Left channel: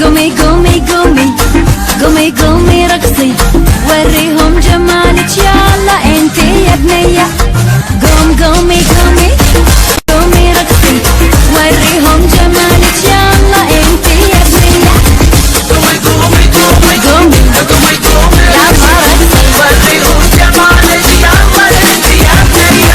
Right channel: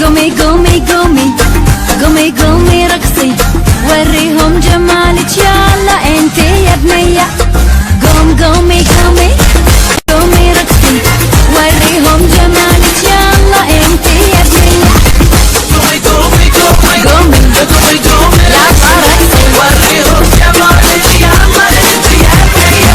قومي قومي قومي قومي قومي رقصي وريهم جمالك يلا انتي يا بنية. قوم قومي قومي قومي رقصي وريهم جمالك يلا انتي يا بنية. قومي قومي قومي قومي يلا رقصي وريهم جمالك يلا انتي يا بنية.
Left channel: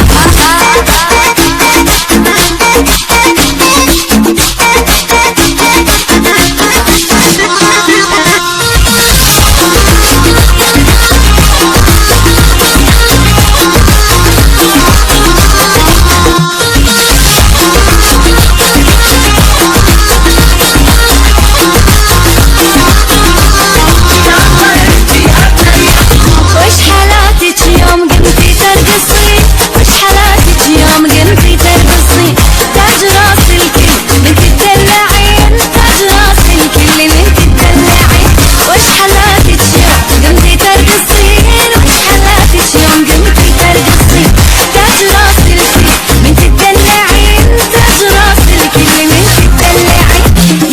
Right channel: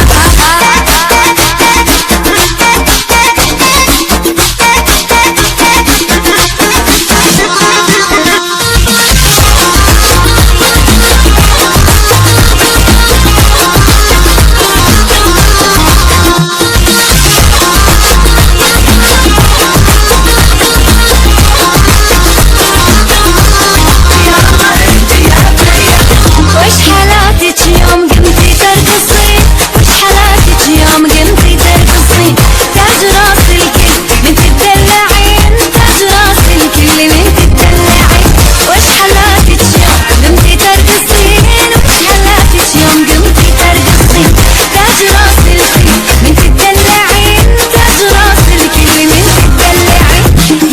وش حالاتك يوم قمتي ترقصين؟ وش حالاتك يوم قمتي ترقصين؟ تاج راس الكل من تدلعين، تاج راس الكل من تدلعين. وش حالاتك يوم قمتي ترقصين؟ وش حالاتك يوم قمتي ترقصين؟ تاج راس الكل من تدلعين، تاج راس الكل من تدلعين.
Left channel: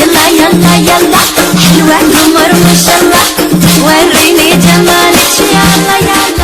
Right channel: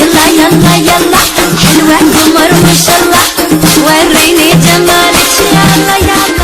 يلا يلا يلا حلوة قمر ما شاء الله وريني جمالك يلا يلا.